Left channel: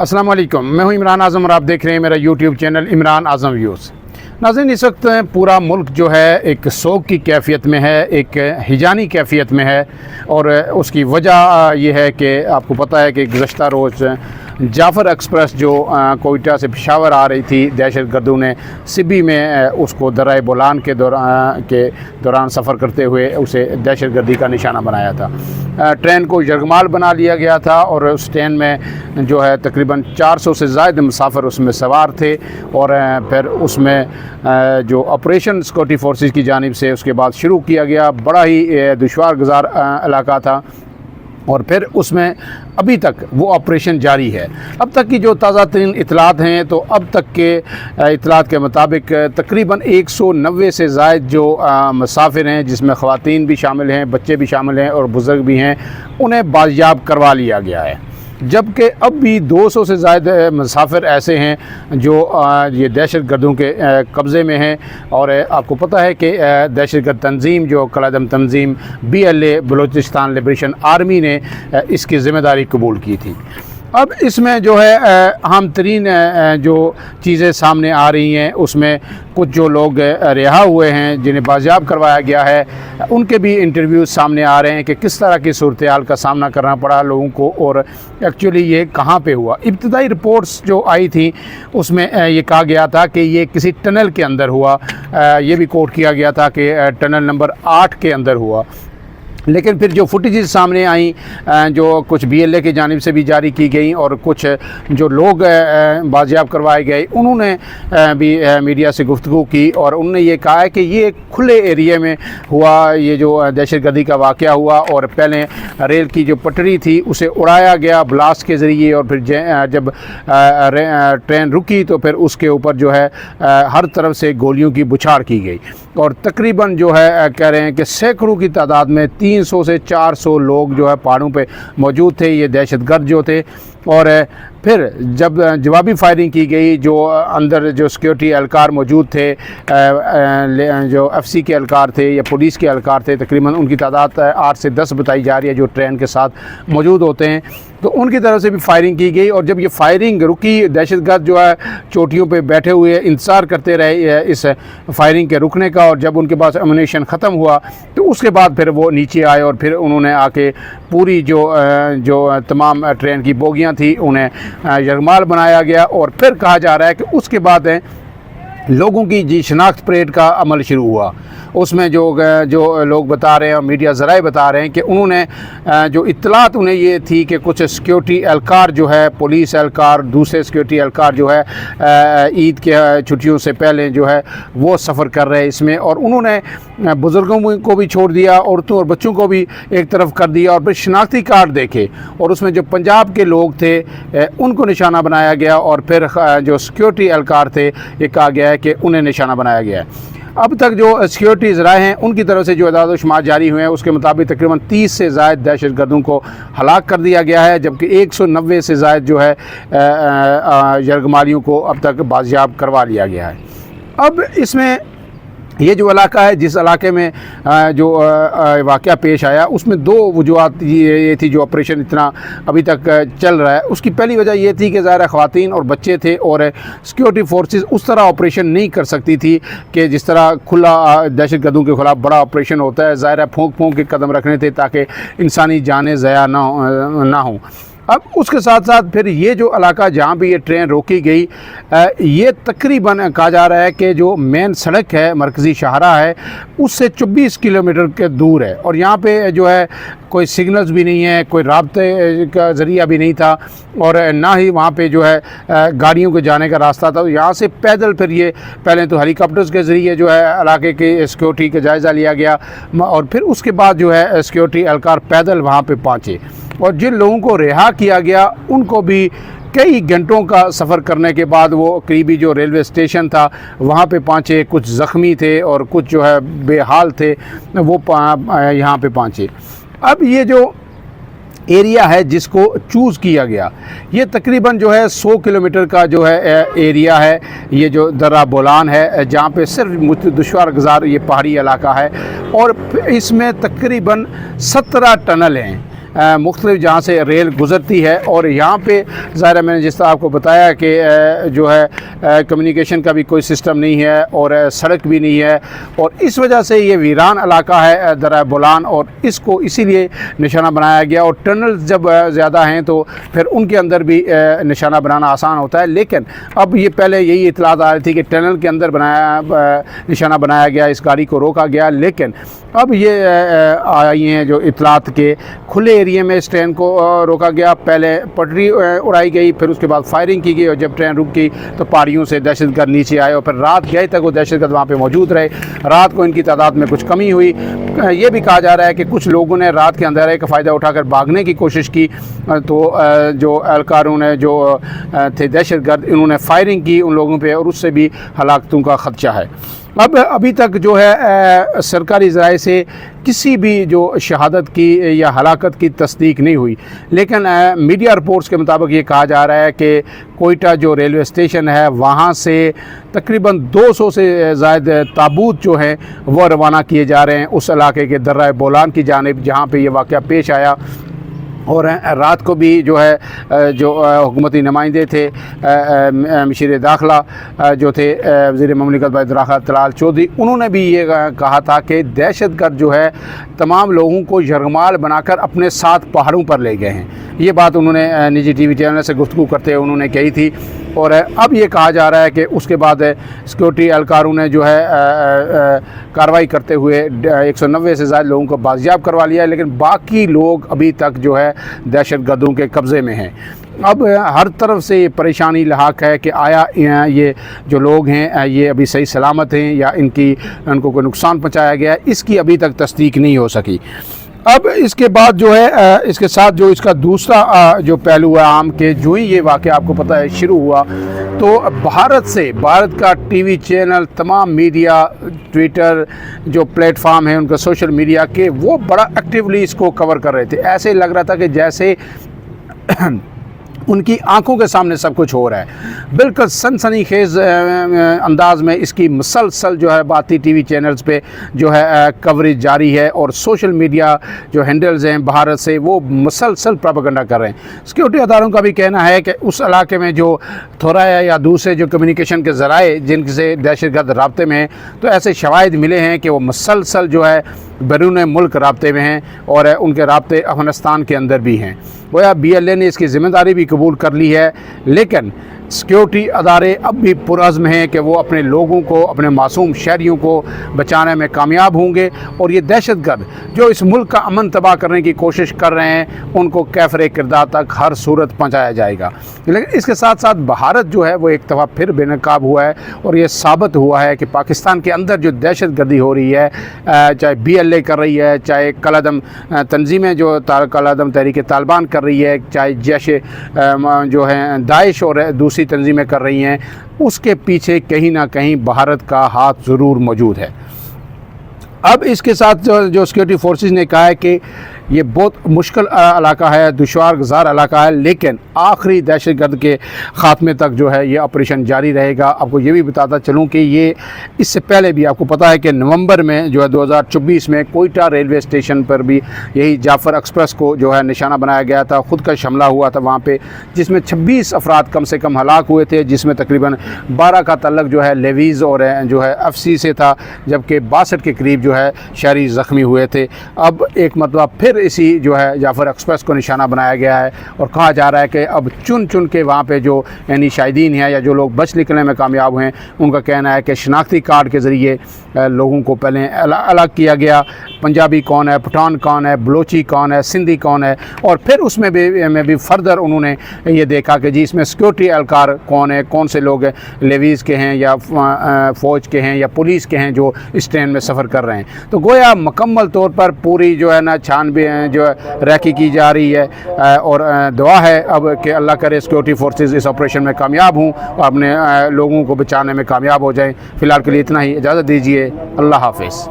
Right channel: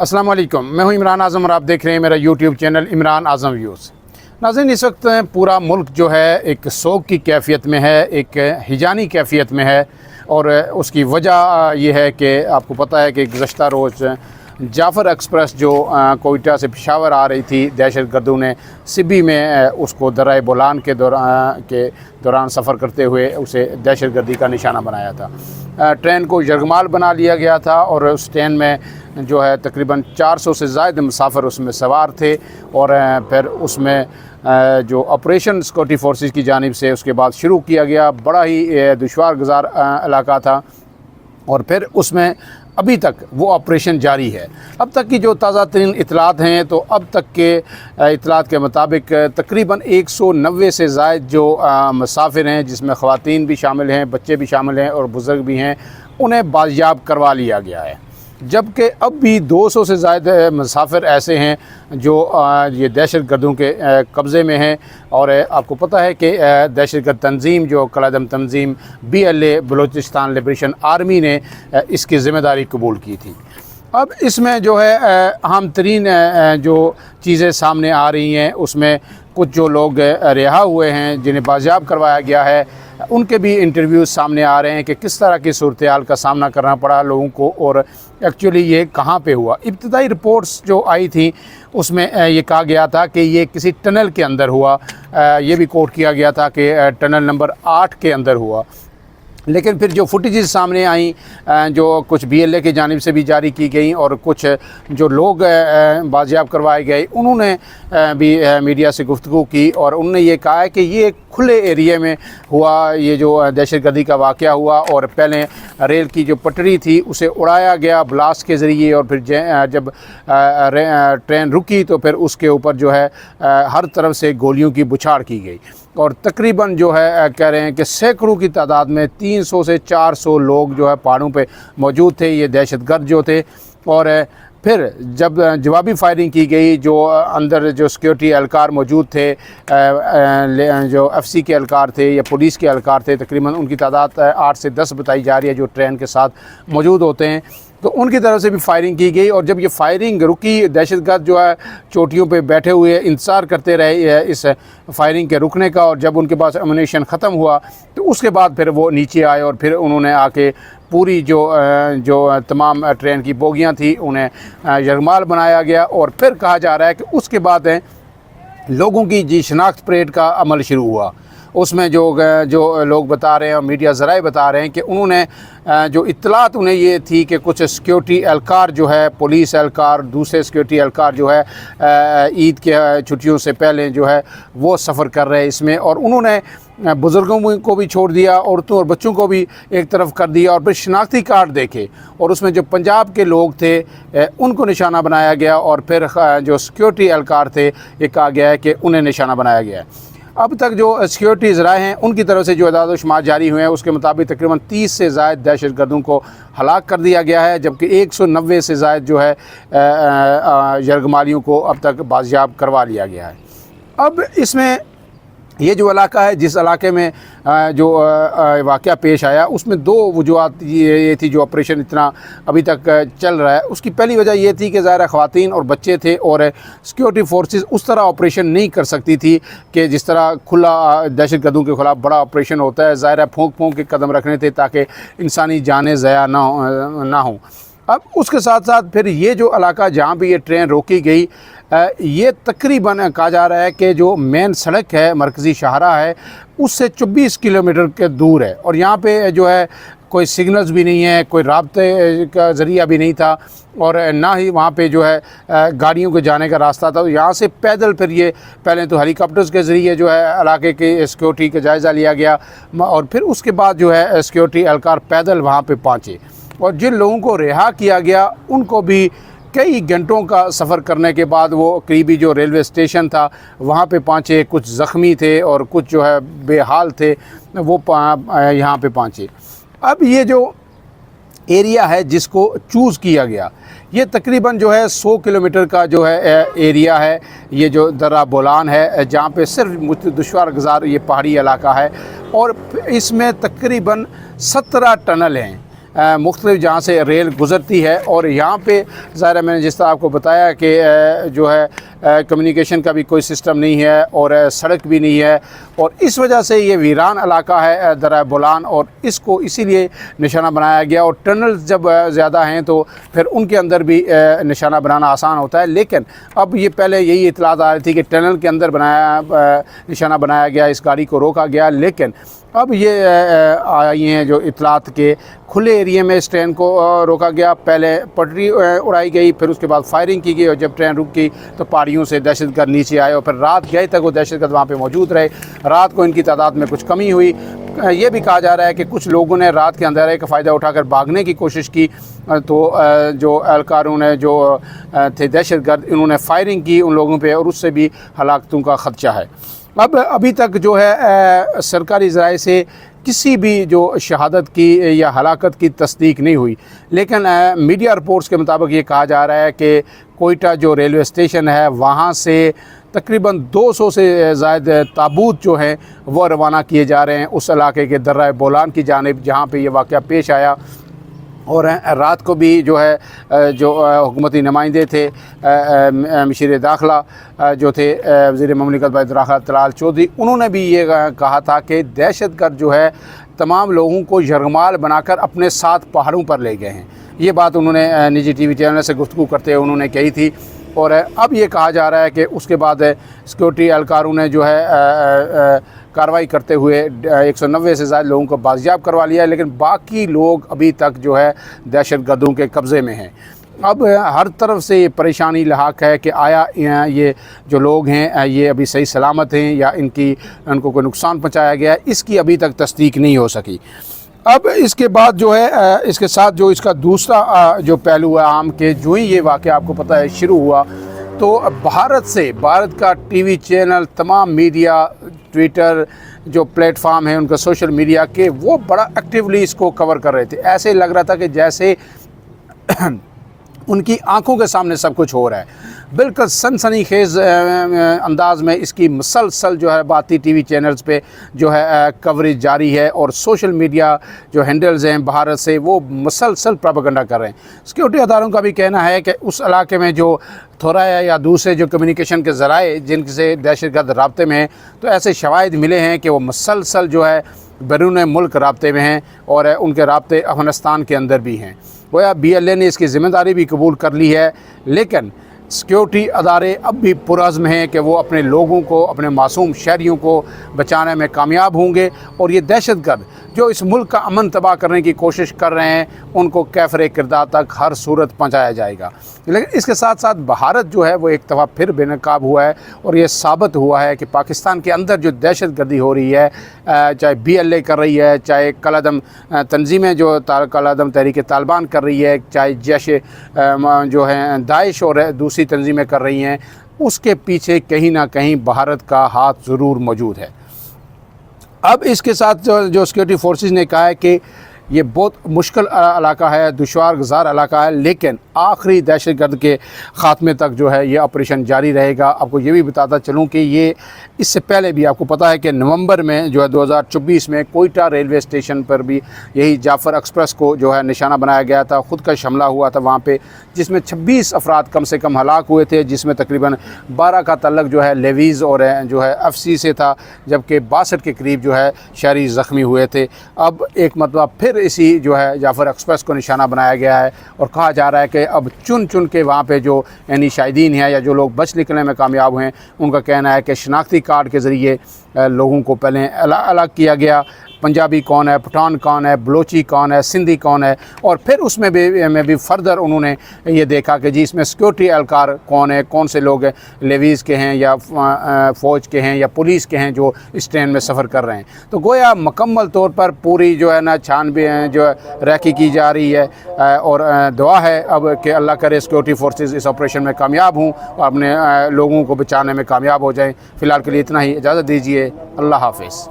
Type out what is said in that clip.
अस्सलाम वालेकुम, मैं हूं इमरान आज़म और आप देख रहे हैं मेरा यूट्यूब चैनल इमरान आज़म व्यूज़। नाज़रीन, इस वक्त पूरा मुल्क जो है एक सोग की कैफियत में है, एक हिजानी कैफियत में है। और उसकी वजह यह है कि आपको पता है कि गुज़श्ता रोज़ जाफ़र एक्सप्रेस जो कोयटा से पेशावर आ रही थी, दहशत गर्दों ने सिब्बी में उसको दर्रा बोलान के दौरान सफ़र करते हुए उसे दहशत गर्दी का निशाना बनाया था। ट्रेन को यरगमाल बना लिया गया था और उस ट्रेन में जो है तकरीबन 400 से ज़ायद मुसाफिर उसमें सवार थे। और फिर उसमें जो ऑपरेशन सिक्योरिटी फोर्सेस की जानिब से उसके बाद शुरू किया गया, बड़ा ही दुश्वार गुज़ार इलाका था। और फिर उसमें अभी तक वो ऑपरेशन जारी है। अब तक की जो ताज़ा तरीन इतलात हैं, तो अब तक के इतलात के मुताबिक तकरीबन 190 से ज़ायद जो मुसाफिर हैं, जिसमें ख़वातीन भी शामिल हैं, बच्चे भी शामिल हैं और बुज़ुर्ग भी हैं, उन्हें बाजियाब करवा लिया गया है। जबकि अब भी 200 से ज़्यादा मुसाफिर ऐसे हैं जो ये दहशत गर्दों के कब्ज़े में हैं। और आपको पता है कि दहशत गर्द तंजीम जो कलादम तंजीम BLA बलूचिस्तान लिबरेशन आर्मी ने इसकी ज़िम्मेदारी कबूल की थी। अब इसमें जो है अहम तरीन जो चीज़ें सामने आ रही हैं, उसमें कुछ जो लोग रिहा हुए हैं, जिन्हें बाजियाब करवाया गया है, उनके भी इंटरव्यूज़ सामने आ रहे हैं कि किस तरह की सूरत हाल का सामना करना पड़ा लोगों को और एक्चुअली ये कहाँ पे हुआ। इब्तदाई रिपोर्ट्स जो आई थी उसमें ये कहा गया था कि ये किसी टनल के अंदर हुआ। ये भी कोट किया गया था कि टनल नंबर 8 के अंदर हुआ। लेकिन फिर जो फुटेजेस सामने आई, जो कुछ BLA की जानिब से भी जारी की गई और कुछ जो लोग बाजियाब करवाए गए, उन्होंने भी मीडिया से गुफ्तगू की और उन्होंने ये कहा है कि ये खुले एरिया में हुआ, ये जो दहशत गर्दी का वाक़या हुआ। और पहले रेल की जो पटरी थी उसे उड़ाया गया ब्लास्ट के ज़रिए, और फिर जब ट्रेन रुकी तो फिर उसके ऊपर जो है हर तरफ से गोलियों की बुछाड़ की गई। और तकरीबन जो है कह रहे हैं कि सैकड़ों की तादाद में 300 से 400 लोग जो है पहाड़ों पे मौजूद थे, ये दहशत गर्द जो थे। और फिर जब जवाबी फायरिंग की गई, जो अंदर जो सिक्योरिटी एहलकार मौजूद थे, जो FC के एहलकार थे या पुलिस के एहलकार थे, तकरीबन उनकी तादाद 8 से 10 बताई जा रही है जो ट्रेन के साथ मौजूद होते हैं, तो उनकी तरफ से भी फायरिंग की गई। और जब ये फायरिंग रुकी, दहशतगर्द जो है चोटियों पे बैठे हुए इंतज़ार करते रहे इस फायरिंग के रुकने का। और जब उनके पास एमुनेशन ख़त्म हुआ तो उसके बाद फिर वो नीचे आए और फिर उन्होंने आके पूरी जो तमाम ट्रेन की बोगियां थी उन्हें यरगमाल बनाया गया। और फिर कहा जा रहा है कि उसके बाद लोगों की जी शनाख्त परेड का अमल शुरू हुआ। उसमें जो लोग बता रहे हैं और मीडिया ज़राए बता रहे हैं कि उन्होंने जो इत्तलात उन्हें ये थी कि कुछ सिक्योरिटी एहलकार जो है, पुलिस एहलकार, दूसरे सिक्योरिटी एहलकार जो है ईद के छुट्टियों से पहले जो है वो सफ़र कर रहे हैं इसमें। और उन्होंने बुज़ुर्गों को भी छोड़ दिया, औरतों और बच्चों को भी एक तरफ कर दिया। और फिर शनाख्ती कार्ड देखे और उसमें जो पंजाब के लोग थे उनको निशाना बनाया गया। और फिर जो सिक्योरिटी एहलकार थे, ये कहा गया है कि उन्हें निशाना बनाया गया है। अब तक जो सिक्योरिटी ज़राए हैं उनकी तरफ से जो अदाद शुमार जारी हुए हैं, उसके मुताबिक तकरीबन 30 से ज़ायद दहशत गर्दों को हलाक कर दिया गया है, जबकि 190 से ज़ायद जो है यरगमालियों को अब तक बाजियाब करवा लिया गया है। अब इसमें ये जो इलाका है, जिस इलाके में जो वाक़या पेश आया, उसमें दो वजूहत ये थी जो ऑपरेशन इतना अभी तक चल रहा है। उसकी पहली वजह ये थी कि ज़ाहिर ख़वातीन और बच्चे थे और सिक्योरिटी फोर्सेस उस तरह ऑपरेशन नहीं कर सकती थी कि जिस तरह खुला दहशत गर्दों के ख़िलाफ़ बड़ा ऑपरेशन होता है। ज़ाहिर फूंक के कदम रखने थे ताकि इंसानी जानें ज़ाया ना हो। अब उसके साथ साथ फिर ये जो इलाका जहाँ भी ये ट्रेन रोकी गई, ये तकरीबन कहा जा रहा है कि जो मेन सड़क है, मरकज़ी शाहरा है, उससे 24 किलोमीटर के दूर है। और यहाँ पे जो है कोई सिग्नल्स भी नहीं है, कोई राब्ते का ज़रिया भी नहीं था, और ना ही वहाँ पे जो है गाड़ियों के जाने का रास्ता था। तो यहाँ से पैदल फिर ये पहले तो हेलीकॉप्टर्स के ज़रिए जो है इलाके की सिक्योरिटी का जायज़ा लिया गया, और फिर उसके बाद जो है सिक्योरिटी एहलकार पैदल वहाँ पे पहुँचे। और जिन लोगों को रिहा किया गया उनको भी कई घंटों का सफ़र करने के बाद वो करीबी जो रेलवे स्टेशन था वहाँ पे पहुँचे। कुछ ज़ख्मी थे और कुछ जो है बेहाल थे, वो यहाँ पे पहुँचे। अब ये जो एरिया है जिसको चूज़ किया गया, ये तकरीबन जो है 100 किलोमीटर का जो है एरिया है। ये जो दर्रा बोलान है, जहाँ पे सिर्फ दुश्वार गुज़ार ये पहाड़ी इलाका है, और इसमें तकरीबन 17 टनल हैं مختلف جہاں سے ریل گزرتی ہے، اور یہاں پہ ظاہر ہے میں نے جس طرح آپ کو بتایا کہ جو ہے کمیونیکیشن کا بھی کوئی سسٹم نہیں ہے اور سڑک بھی نہیں ہے، اور اس وجہ سے یہ ویران علاقہ ہے درہ بولان، اور اس کو اسی لیے نشانہ بنایا گیا۔ اور ٹنل جب زیادہ ہیں تو پھر ان کے اندر بھی نشانہ بنانا آسان ہوتا ہے، لیکن اب یہ پہلے یہی اطلاعات آ رہی تھی کہ ٹنل کے اندر نشانہ بنایا گیا، اس گاڑی کو روکا گیا، لیکن اب یہ آئی ہیں جو اطلاعات کے کھلے ایریے میں اس ٹرین کو روکا گیا، پہلے پٹری اڑائی گئی، پھر اس کے بعد فائرنگ کی گئی، اور جب ٹرین رک گئی تو پہاڑیوں سے دہشت گرد نیچے آئے، اور پھر رات گئے تک وہ دہشت گرد وہاں پہ موجود رہے۔ رات کو ان کی تعداد میں کچھ کمی ہوئی۔ یہ بھی کہا جا رہا ہے کہ کچھ لوگوں نے رات کے اندھیرے کا فائدہ اٹھا کر بھاگنے کی کوشش کی، تو جو اہلکاروں نے جو تھے دہشت گرد، انہوں نے فائرنگ کی ان لوگوں پہ، اور اس سے بھی ہلاکتوں کا خدشہ ہے۔ ابھی تک جو ہے سرکاری ذرائع سے کسی بھی جو شہادت کی یا ہلاکت کی تصدیق نہیں ہوئی، لیکن میڈیا رپورٹس کے مطابق یہ کہا جا رہا ہے کہ کوئٹہ جو ریلوے اسٹیشن ہے وہاں سے تقریباً 200 سے زائد تابوت جو ہیں وہ روانہ کیے جا رہے ہیں اس علاقے کے درہ بولان کی جانب جہاں پہ یہ واقعہ پیش آیا۔ اور رات کو بھی جو ہے جو حکومتی نمائندے تھے، مشیر داخلہ جو تھے وزیر مملکت برائے داخلہ طلال چودھری، انہوں نے بھی یہ کہا تھا کہ دہشت گرد جو ہے تمام لوگوں کو یرغمال بنا کر اپنے ساتھ پہاڑوں پر لے گئے ہیں۔ یہ بات انہوں نے نجی ٹی وی چینل سے گفتگو کرتے ہوئے انہوں نے کہی تھی، اور اب یہ کہا جا رہا ہے کہ اس کے بعد سیکورٹی اہلکاروں نے جو ہے کارروائی کرتے ہوئے 190 سے زائد لوگوں کو بازیاب کروا لیا ہے، لیکن باقی لوگ ابھی تک جو ہے دہشت گردوں کے قبضے میں ہیں۔ اب ہر طرف سے یہ پریشانی لاحق ہے کہ آیا یہ جو لوگ ہیں یہ ابھی صحیح سلامت ہیں یا ان کو کوئی نقصان پہنچایا گیا ہے، اس کی ابھی تک تصدیق نہیں ہو سکی۔ اب اس کے بعد جو ہے اس کے ساتھ جو اس کا دوسرا جو پہلو ہے عام کے، جو ہی یہ واقعہ آپ کو پتہ ہے شروع ہوا تو بھارت کا ٹی وی چینل، تمام میڈیا، ٹویٹر جو پلیٹ فارم ہیں ان کا، سوشل میڈیا کے، وہ بڑا ایکٹیولی اس کو کور کر رہے تھے۔ ایسے لگ رہا تھا کہ جیسے ان کی آنکھوں کے سامنے سب کچھ ہو رہا ہے۔ بالکل سنسنی خیز انداز میں اس کی مسلسل جو ہے بھارتی ٹی وی چینلز پہ جو ہے کوریج جاری ہے، اور سوشل میڈیا جو ہینڈلز ہیں بھارت سے وہ مسلسل پروپیگنڈا کر رہے ہیں۔ سیکورٹی اداروں کا بھی کہنا ہے کہ اس علاقے میں جو تھورا ہے یا دوسرے جو کمیونیکیشن کے ذرائع جن سے دہشت گرد رابطے میں ہیں، تو ایسے شواہد ملے ہیں کہ وہ مسلسل جو ہے بیرون ملک رابطے میں ہیں، اور ان کے رابطے افغانستان کے اندر بھی ہیں۔ گویا BLA نے اس کی ذمہ داری بھی قبول کر لی ہے، لیکن سیکورٹی ادارے اب بھی پرعزم ہیں کہ وہ اپنے لوگوں کو، اپنے معصوم شہریوں کو بچانے میں کامیاب ہوں گے، اور یہ دہشت گرد جو اس ملک کا امن تباہ کرنے کی کوشش کر رہے ہیں ان کو کیفر کردار تک ہر صورت پہنچایا جائے گا۔ لیکن اس کے ساتھ ساتھ بھارت جو ہے وہ ایک دفعہ پھر بے نقاب ہوا ہے، اور یہ ثابت ہوا ہے کہ پاکستان کے اندر جو دہشت گردی ہو رہی ہے، چاہے BLA کر رہی ہے، چاہے کالعدم تنظیمیں جو کالعدم تحریک طالبان کر رہی ہے، چاہے جیش جو ہے داعش اور دوسری تنظیمیں کر رہی ہیں، اس کے پیچھے کہیں نہ کہیں بھارت کا ہاتھ ضرور موجود ہے۔ اب اس کے ساتھ جو سیکورٹی فورسز نے کہا ہے کہ یہ بہت مشکل علاقہ ہے، دشوار گزار علاقہ ہے، لیکن آخری دہشت گرد کے خاتمے تک جو ہے یہ آپریشن جاری رہے گا۔ آپ کو یہ بھی بتاتا چلوں کہ یہ اس سے پہلے بھی آپ کو پتہ ہے کہ نومبر میں جو ہے 2024 میں کوئٹہ ریلوے اسٹیشن پر بھی یہی جعفر ایکسپریس کو جو ہے نشانہ بنایا گیا تھا، خود کا حملہ ہوا تھا وہاں پہ، جس میں 26 افراد کم سے کم ہلاک ہوئے تھے، جس میں تقریباً 12 کا تعلق جو ہے لیویز اور جو ہے FC سے تھا، جبکہ 62 کے قریب جو ہے شہری زخمی ہوئے تھے۔ اب ایک مرتبہ پھر اسی جو ہے جعفر ایکسپریس کو نشانہ بنایا گیا ہے، اور کہا جا رہا ہے کہ اب چن کے وہاں پہ جو یعنی شاہدین ہیں یا جو لوگ بچ نکلنے میں کامیاب ہوئے، ان کا کہنا ہے کہ شناختی کارڈ کے ذریعے لوگوں کو پہلے الگ کیا گیا، پنجابی کون ہے، پٹھان کون ہے، بلوچی کون ہے، سندھی کون ہے، اور پھر اس میں بھی فردر انہوں نے یہ دیکھا کہ جی اس میں سیکورٹی اہلکار کون ہے، کون سے لوگ ہیں، لیویز کے ہیں یا فوج کے ہیں یا پولیس کے ہیں جو اس ٹرین میں سفر کر رہے ہیں۔ تو گویا مکمل طور پر پوری جو ہے نا جو ہے ریکی کی جا رہی ہے، اور دعا ہے اب کہ اللہ کرے سیکورٹی فورسز اس آپریشن میں کامیاب ہوں اور اپنے لوگوں کو بچانے میں کامیاب ہو جائیں۔ فی الحال کے لیے اتنا ہی، اجازت دیجیے، اللہ حافظ۔